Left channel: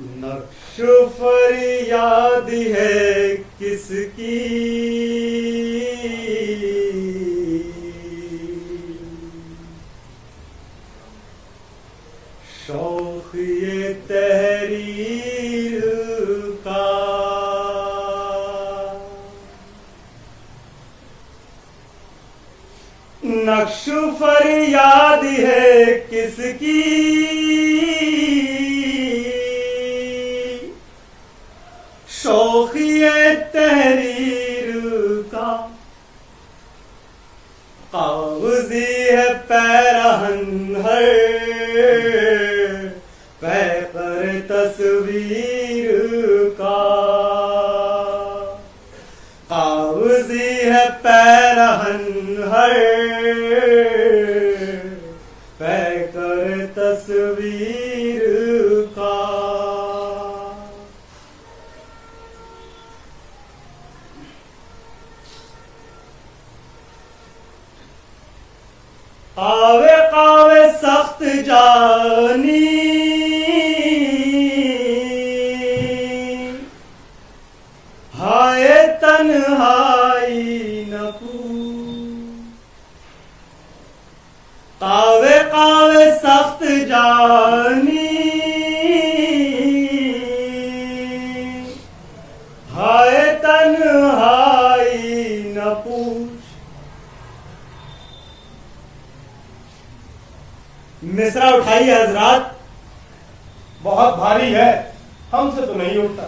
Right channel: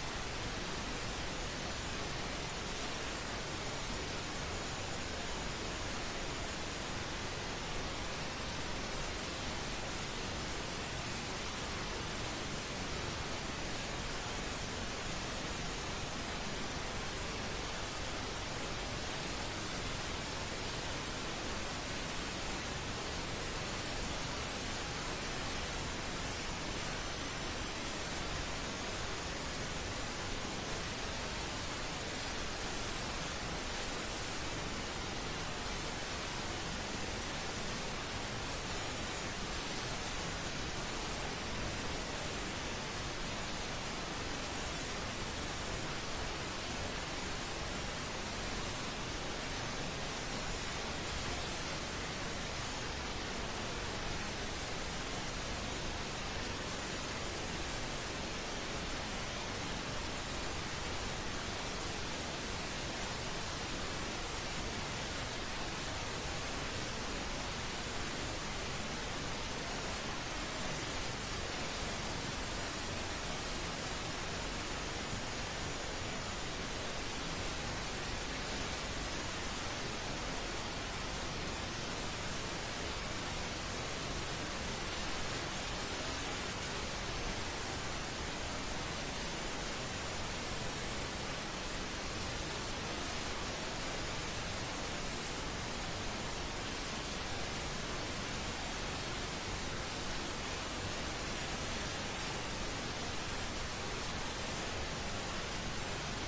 नक्श फरियाद है किसकी, शौक ये तहरीर का। नक्श फरियाद है किसकी, शौक ये तहरीर का। कागज़ी है पैरहन हर पर तस्वीर का। कागज़ी है पैरहन हर कर तस्वीर का। कावे कावे सख्त जानी, हाय तन्हाई न पूछ। कावे कावे सख्त जानी, हाय तन्हाई न पूछ। मिसरा उठाइए हजरात, बहुत भारी है, हमसे तो नहीं उठता।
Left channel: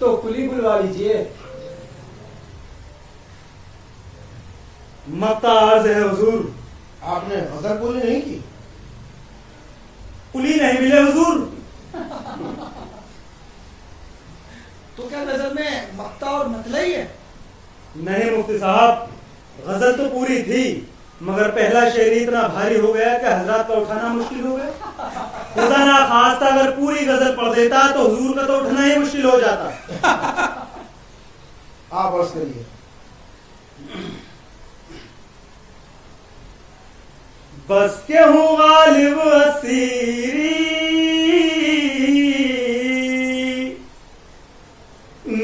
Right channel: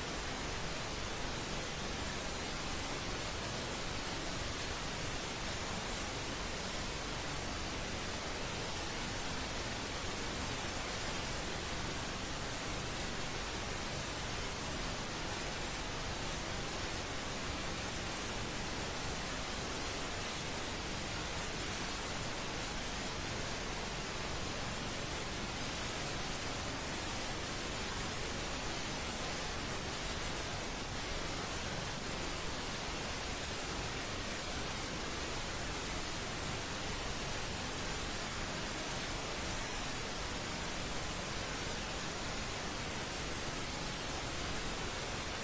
तो कुली बुलवा लीजिए। मक्ता अर्ज है हुजूर। आपने गजल पूरी नहीं की? कुली नहीं मिले हुजूर। तो क्या नजर में मक्ता और मतला ही है? नहीं मुफ्ती साहब, गजल तो पूरी थी, मगर पहला शेर इतना भारी हो गया कि हजरत का उठाना मुश्किल हो गया। खुदा ना खास्ता अगर पूरी गजल पढ़ देता तो हुजूर का तो उठना ही मुश्किल हो जाता। आप अर्ज करिए। बस के हूँ गालिब असीरी,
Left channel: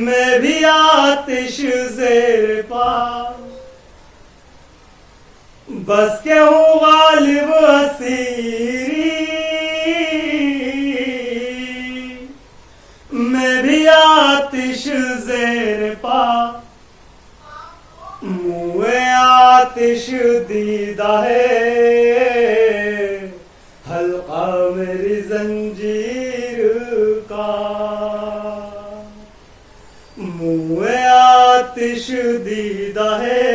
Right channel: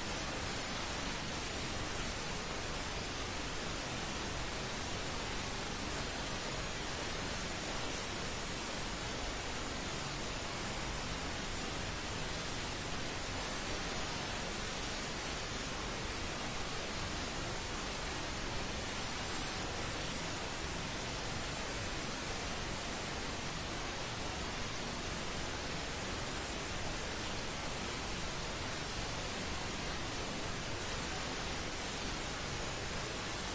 मैं भी आतिश ज़ेर पा। बस के हूँ गालिब असीरी, मैं भी आतिश ज़ेर पा। मुए आतिश दीदा है हल्का मेरी जंजीर का। मुए आतिश दीदा है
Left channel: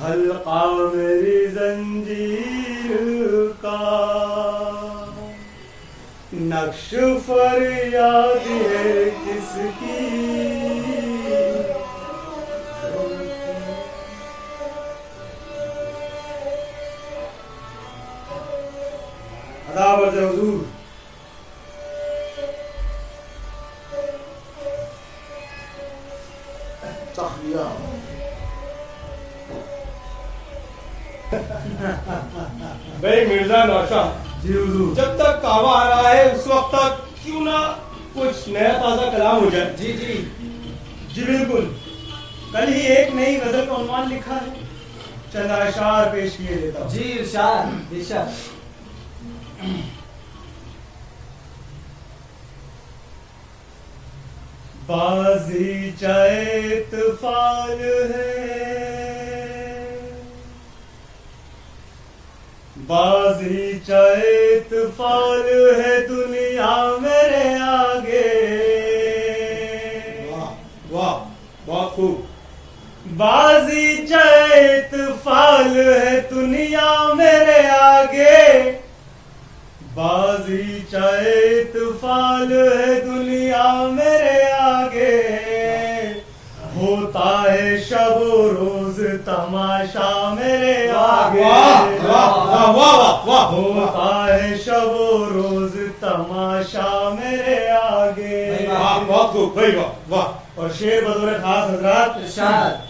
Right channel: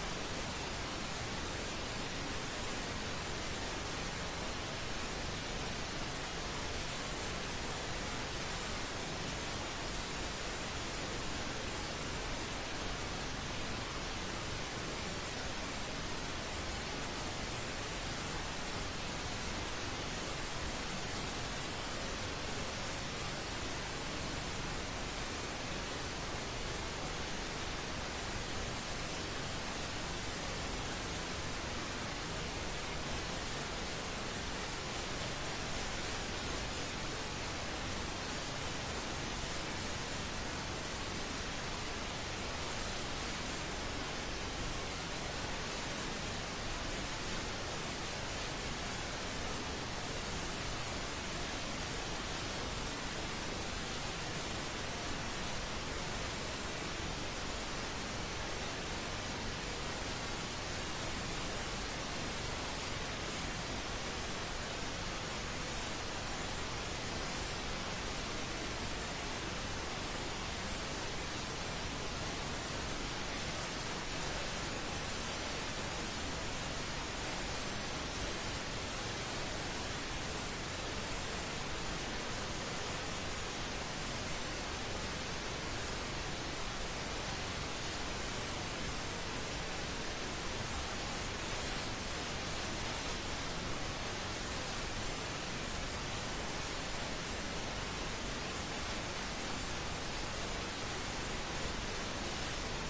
हल्का मेरी जंजीर का। नक्श फरियाद है किसकी, अदावत हुजूर। भाई मिर्जा नौशाद, जी हुजूर। जब तक कावा आ रहा है उस वक्त तक क्यों ना कुछ नया ताजा कलाम हो जाए। जी जी जी बिल्कुल। कल ही एक नई गजल का उन्वान लिखा है, चंद अशार पेश किए देता हूं। जी, इरशाद इरशाद। बाजी चाहे तूफान है, बाजी चाहे तूफान है दुनिया मेरे आगे। वाह वाह वाह, खूब। बाजी चाहे तूफान है दुनिया मेरे आगे। बाजी चाहे तूफान है दुनिया मेरे आगे। होता है शब रोज तमाशा मेरे आगे। वाह वाह वाह वाह वाह, होता है शब रोज तमाशा मेरे आगे। वाह वाह, खूब भाई, वाह वाह। और शेर बदौलत खास हजरात, इरशाद।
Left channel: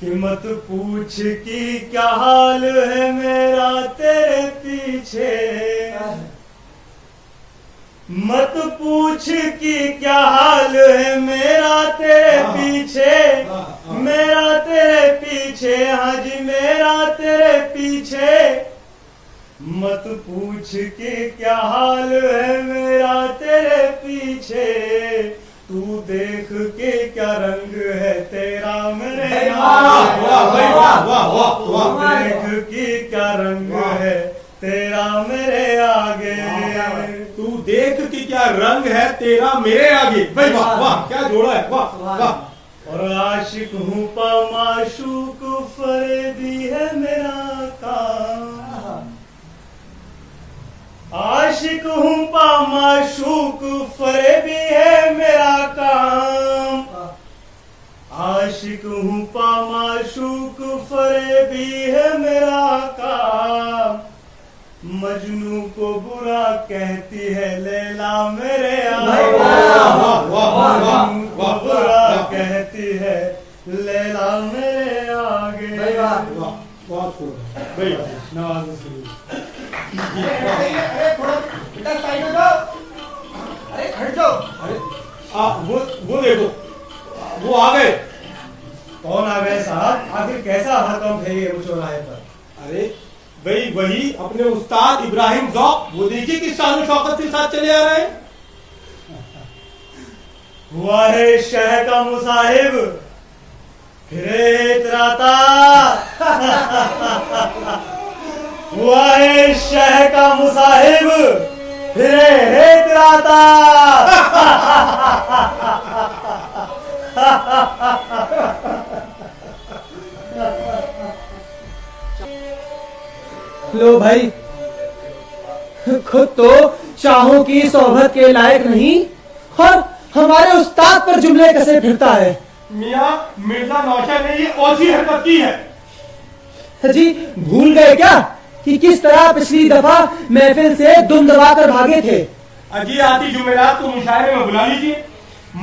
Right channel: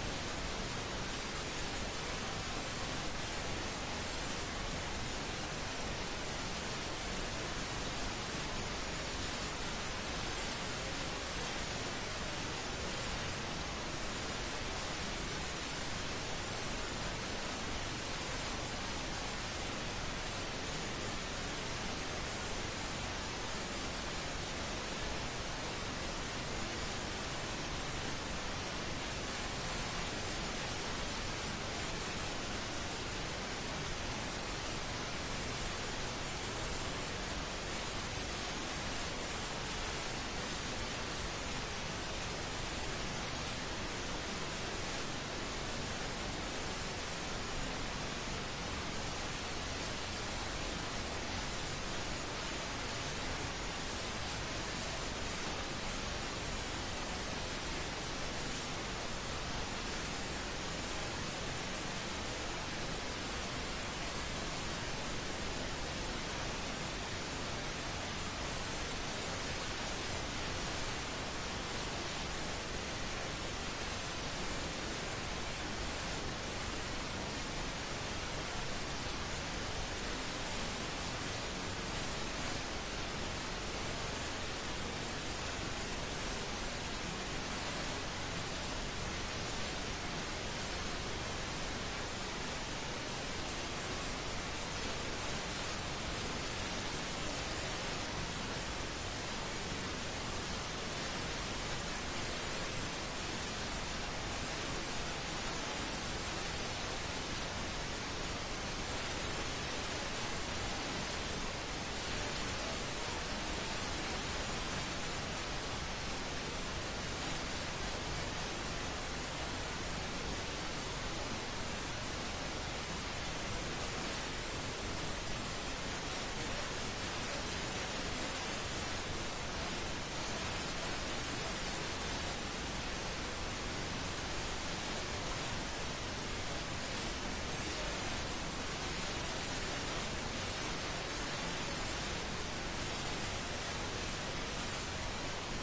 कि मत पूछ कि क्या हाल है मेरा तेरे पीछे। मत पूछ कि क्या हाल है मेरा तेरे पीछे, मेरा तेरे पीछे, हाँ जी मेरा तेरे पीछे। मत पूछ कि क्या हाल है मेरा तेरे पीछे, तू देख के क्या रंग है तेरा मेरे आगे। देख के क्या रंग है तेरा मेरे आगे, तू देख कि क्या रंग है तेरा मेरे आगे। भाई वाह वाह, क्या जोड़ा है, वाह वाह। और आशिक हूँ माशूक फरेबी है मेरा काम, आशिक हूँ माशूक फरेबी है मेरा काम, आशिक हूँ माशूक फरेबी है मेरा काम। मजनू को बुरा कहती है लैला मेरे आगे, मजनू को बुरा कहती है लैला मेरे आगे। बहुत खूब भाई, नवाज बेटा साइड में जाओ, अरे हट जाओ। अरे वो देखो, वो आ गए। कौन आ गए साहब? आखिर कैसा हड़कंप है ये चौराहे पर? अरे भाई वही अपने उस्ताद इब्राहिम ज़ौक़, वो देखिए किस शान शौकत के साथ चले आ रहे हैं। हुआ है शह का मुसाहिब फिरे इतराता, हुआ है शह का मुसाहिब फिरे इतराता। लो भाई, खुद तो शाहों की सोहबत के लायक नहीं और हमारे उस्ताद पर जुमले कसे फिरता है। मियाँ मिर्जा नौशा ने ये औसी हरकत की है। जी भूल गए क्या कि किस तरह पिछली दफा महफिल से दुम दबा कर भागे थे? अजी आती जुमेरात को मुशायरे में बुला लीजिए,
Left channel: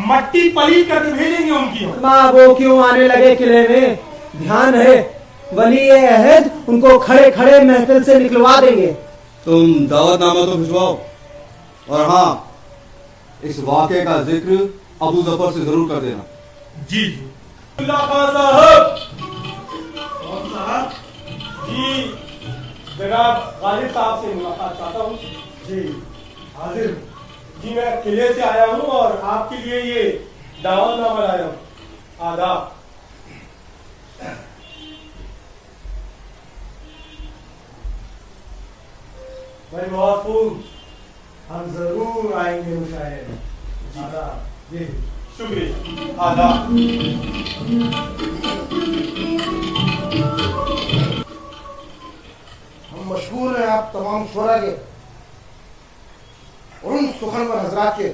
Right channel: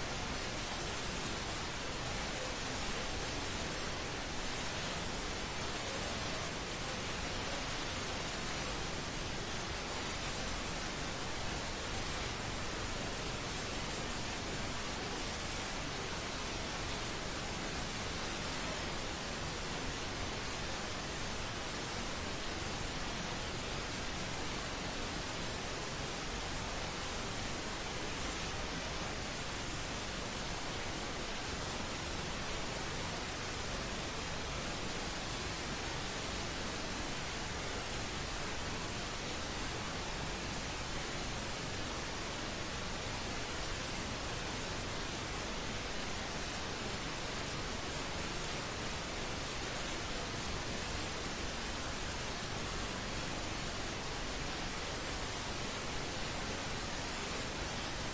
मट्टी पलीत करके भेजेंगे उनकी। माँ वो क्यों आने लगे किले में? ध्यान है, वली अहद उनको खड़े खड़े महफिल से निकलवा देंगे। तुम दावतनामा तो भिजवाओ, और हाँ इस वाक़े का जिक्र अबू जफर से जरूर कर देना। जी अल्लाह खान साहब। कौन साहब? जी जनाब गालिब साहब से मुलाकात चाहता हूँ। जी हाजिर। जी मैं किले से आया हूँ और आपके लिए ये दावतनामा लाया हूँ। आदाब। भाई बहुत खूब, हम जरूर आएंगे मुशायरे। आदाब। जी शुक्रिया। आदाब। हम मशहूर हैं आप तमाम शोरा के और उन सुखनवर हजरात के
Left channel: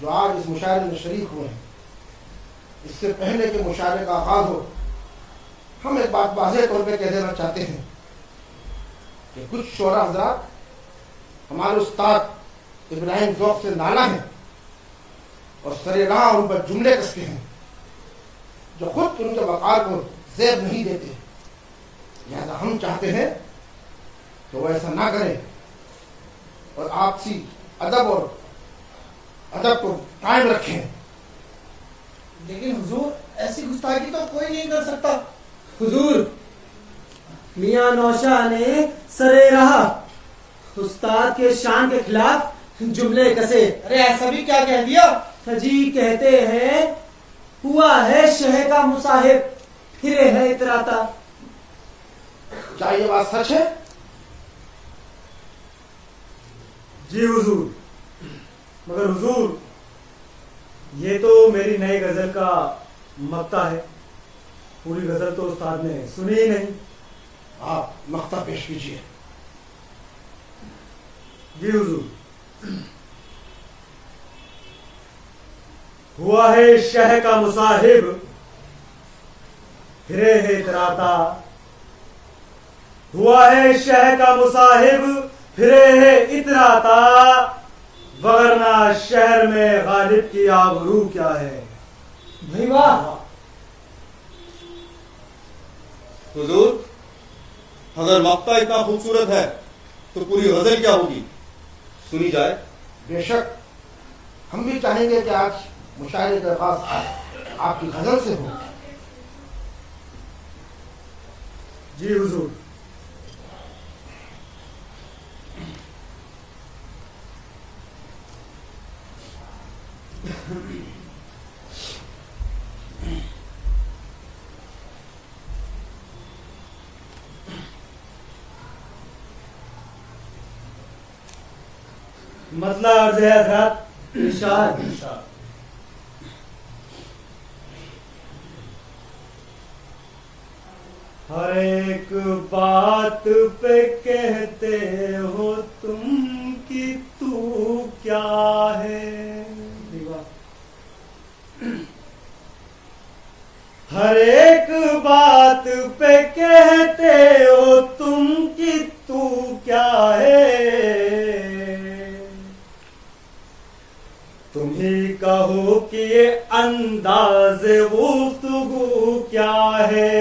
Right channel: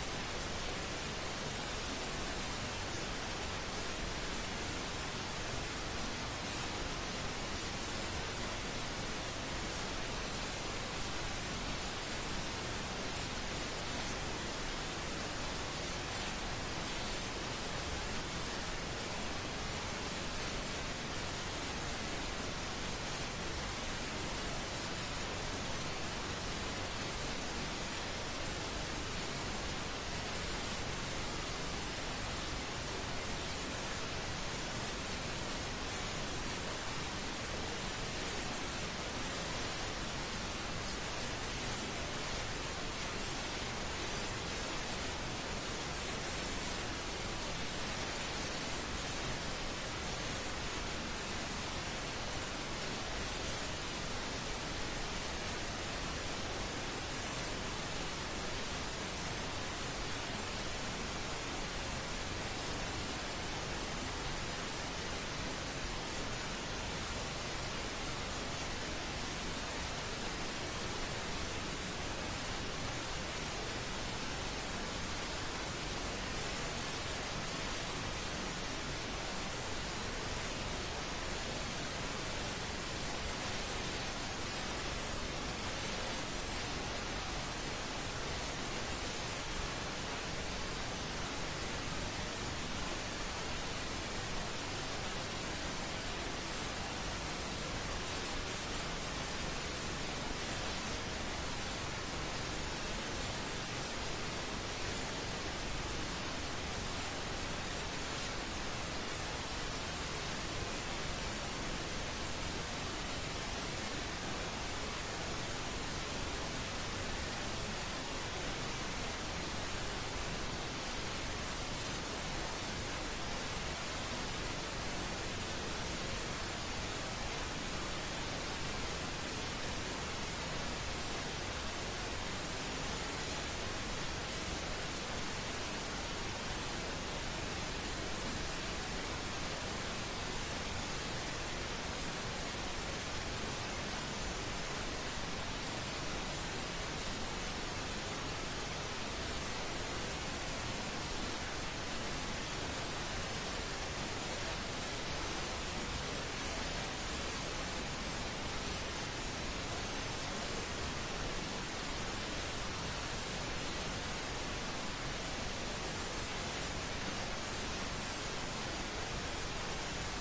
जो आज इस मुशायरे में शरीक हुए हैं। इससे पहले के मुशायरे का आगाज हो, हम एक बात वाज़ेह तौर पे कह देना चाहते हैं कि कुछ शोरा हजरात हमारे उस्ताद इब्राहिम ज़ौक़ से नाला है और सरेराह उन पर जुमले कसते हैं जो खुद उनके वक़ार को ज़ेब नहीं देते। लिहाजा हम चाहते हैं तो वो ऐसा ना करें और आपसी अदब और अदब को कायम रखें। लेकिन हुजूर ऐसी गुस्ताखी तो कोई नहीं कर सकता। हुजूर मियां नौशा ने सरे रहा उस्ताद के शान के खिलाफ जुमले कसे। अरे ऐसा भी क्या कह दिया? जी कहते हैं हुआ है शह का मुसाहिब फिरे है इतराता। क्या ये बात सच है? जी हुजूर, मगर हुजूर ये तो मेरी नई गजल का मक्ता है, पूरी गजल तो उस्ताद ने सुनी ही नहीं। आप मक्ता पेश कीजिए। जी हुजूर। हुआ है शह का मुसाहिब फिरे है इतराता, हुआ है शह का मुसाहिब फिरे है इतराता, वगरना शहर में गालिब की आबरू क्या है। नहीं वाह, हुजूर अगर मक्ता इतना खूबसूरत है तो पूरी गजल क्या होगी, सुनी जाए। बेशक हम भी चाहेंगे कि आज मुशायरे का आगाज आपकी गजल से हो। जी हुजूर। मतला अर्ज है हजरत। इरशाद। हर एक बात पे कहते हो तुम कि तू क्या है, हर एक बात पे कहते हो तुम कि तू क्या है, तुम ही कहो कि ये अंदाज गुफ्तगू क्या है,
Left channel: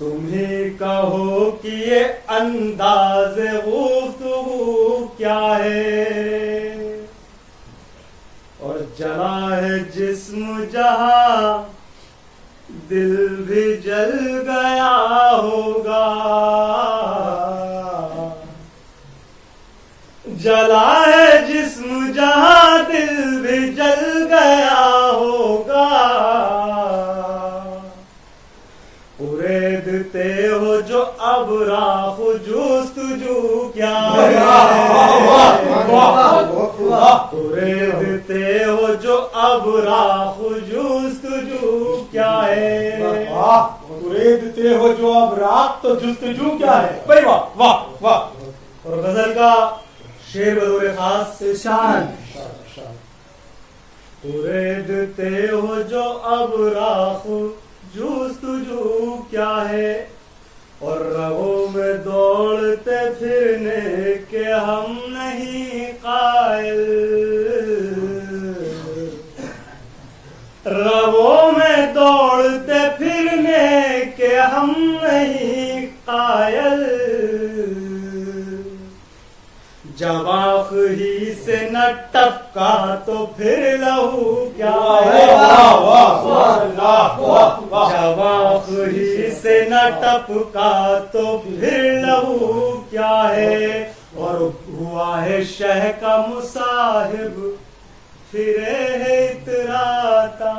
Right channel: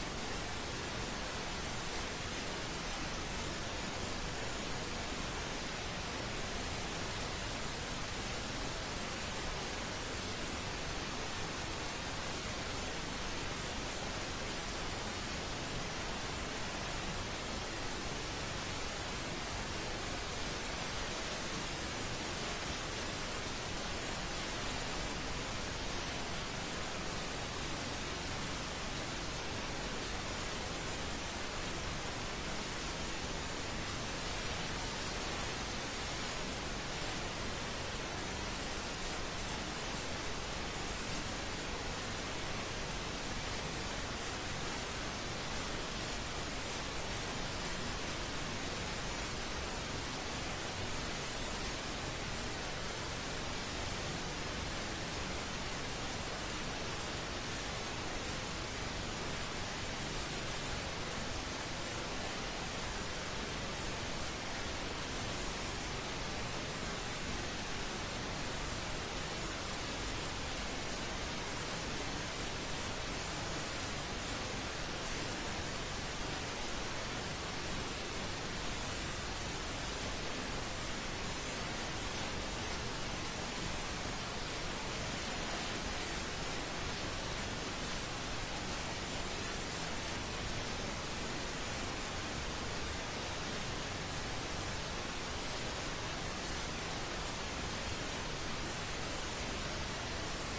तुम ही कहो कि ये अंदाज गुफ्तगू क्या है, और जला है जिस्म जहां दिल भी जल गया होगा, जला है जिस्म जहां दिल भी जल गया होगा, उरेदते हो जो अब राह जुस्तजू क्या है, उरेदते हो जो अब राह जुस्तजू क्या है, उरेदते हो जो अब रात तो जुस्तजू क्या है। भाई वाह वाह वाह। और गजल का शेर बतौर खास। इरशाद। उरेदते हो जो अब राह जुस्तजू क्या है, और रगों में दौड़ते फिरने के हम नहीं कायल, रगों में दौड़ते फिरने के हम नहीं कायल, जब आँख ही से न टपका तो फिर लहू क्या है, जब आँख ही से न टपका तो फिर लहू क्या है, और हुआ है शह का मुसाहिब फिरे है इतराता,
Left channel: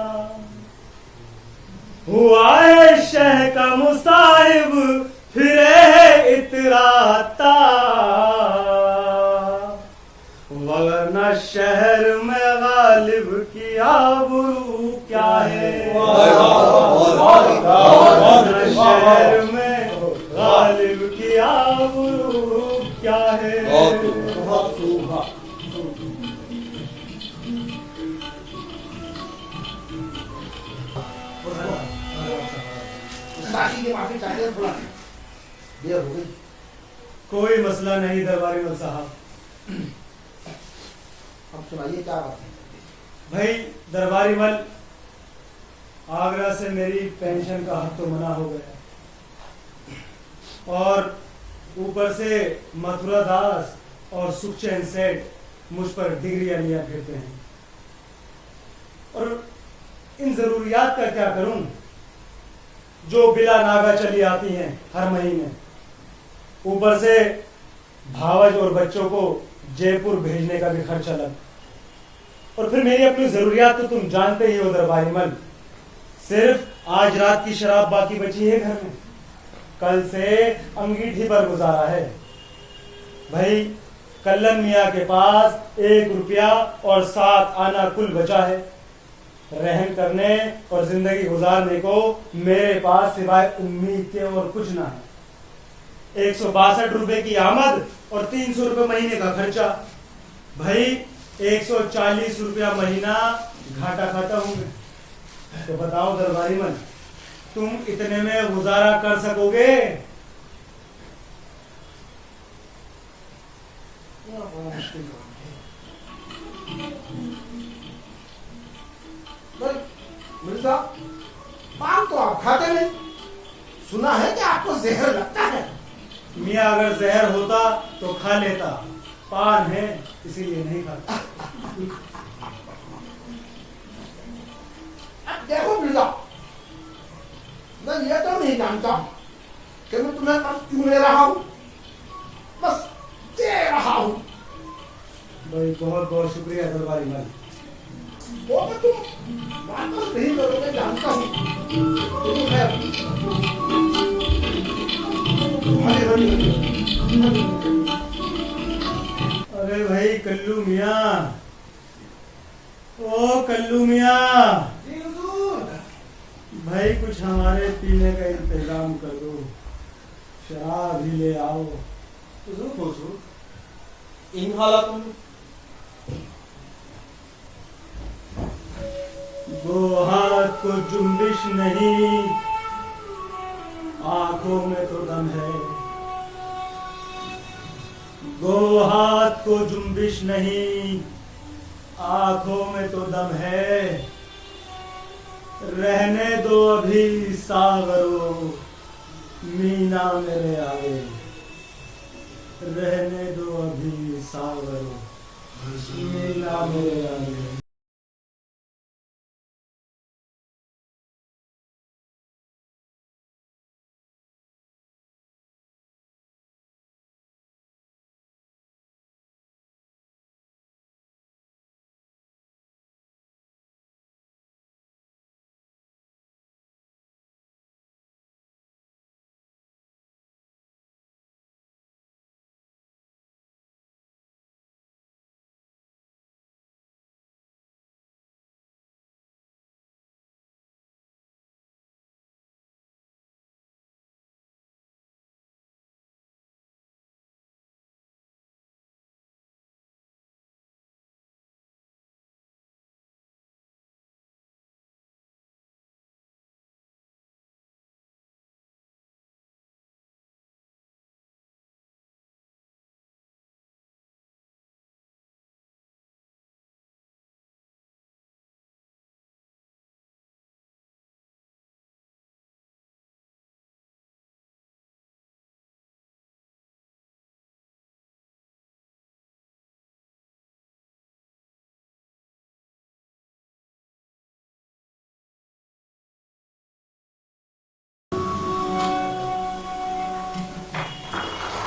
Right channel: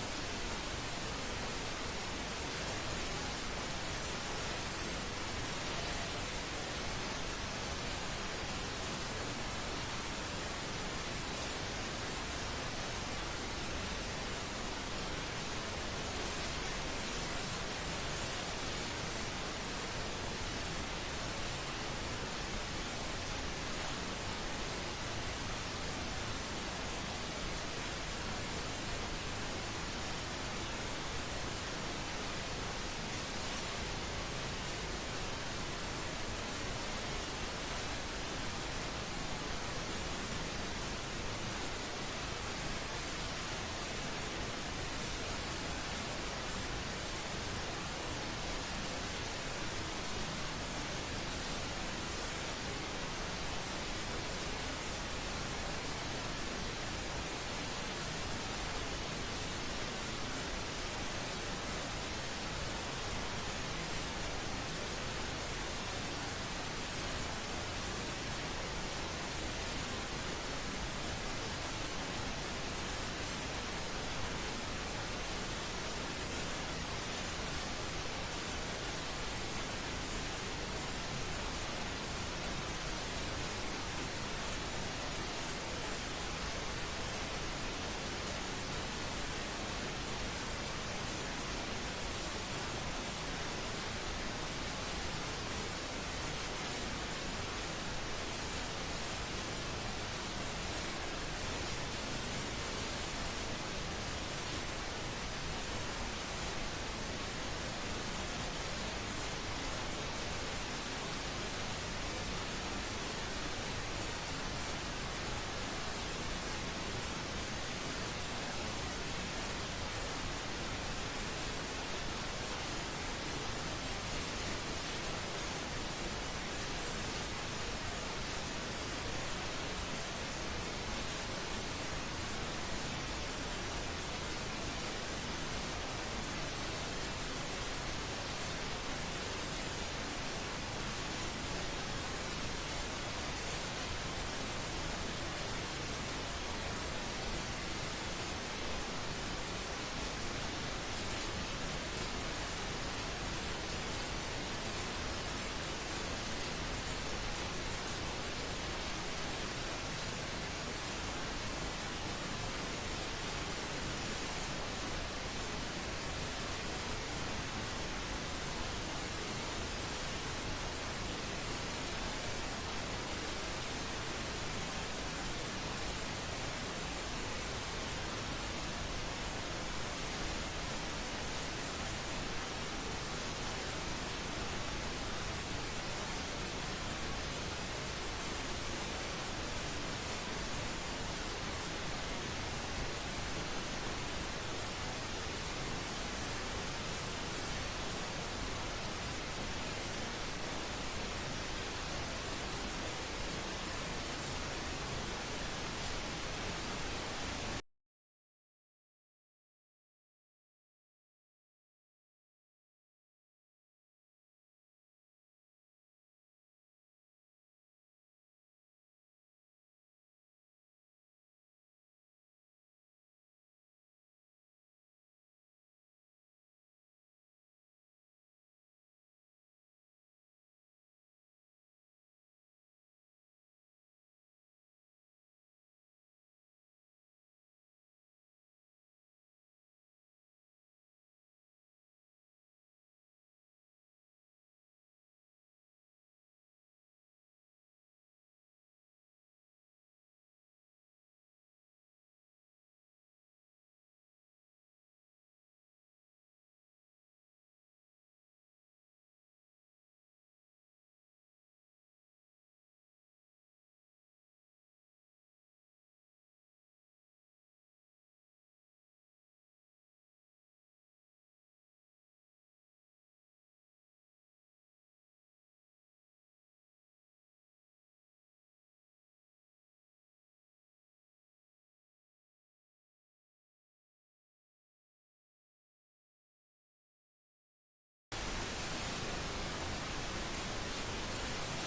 हुआ है शह का मुसाहिब फिरे है इतराता, वरना शहर में गालिब की आबरू क्या है, वरना शहर में गालिब की आबरू क्या है। माफी चाहते हैं, बुला देर हो गई। कोई मसला नहीं दरबारी मल साहब। अब सुनाइए क्या बात है? भाई दरबारी मल, आगरा से मेरी पेंशन का हक तो मना हो गया, और ऊपर से मथुरा दास और सुखचैन सेठ मुझ पर डिग्रियां लिया फिरते हैं, और इन जरूरियात का क्या करूं जो बिला नागा चली आती हैं हर महीने, ऊपर से भावज और बच्चों को जयपुर भेजने का भी खर्चा लग, और फिर मेरी अपनी जरूरियात तो तुम जानते ही हो दरबारी मल, सिर्फ आज रात की शराब बाकी बची है घर में, कल से अंगीठी पर गुजारा है। भाई कल्लन मियाँ के पास 1 रुपया और 7 आना कुल बचा है, रहन करने और जिंदगी गुजारने को मेरे पास सिवाय उम्मीद के और कुछ ना है। 162 रुपए की आमद और 300 रुपए महीने का खर्चा, भाई 140 रुपया महीना घाटा खाता हूँ। तो बताओ दरबारी मन, तुम इतने में गुजारा कर सकोगे? मिर्जा, पान तो आप खाते नहीं, सुना है कि आपको जहर लगता है। मियाँ अगर जहर होता तो खा लेता, पान है इसीलिए नहीं खाता। देखो मिर्जा, मैं ये तो नहीं जानता कि मैं तुम्हें अब पूरे रहा हूँ, बस दे रहा हूँ। बहुत बहुत शुक्रिया दरबारी लाल। वो तो तुम वापस नहीं करोगे जानता हूँ, लेकिन मैं अरे भाई कल्लू मियाँ, ओ कल्लू मियाँ, भाई कुछ हमारे पीने का इंतजाम कर दो, चाय भी ले आओ। इन हालातों में दो हाथ को जुम्बिश नहीं, आंखों में तो दम है। दो हाथ को जुम्बिश नहीं, आंखों में तो दम है। रहने दो अभी सागरो, मीना मेरे आगे। रहने दो अभी सागरो, मीना मेरे आगे।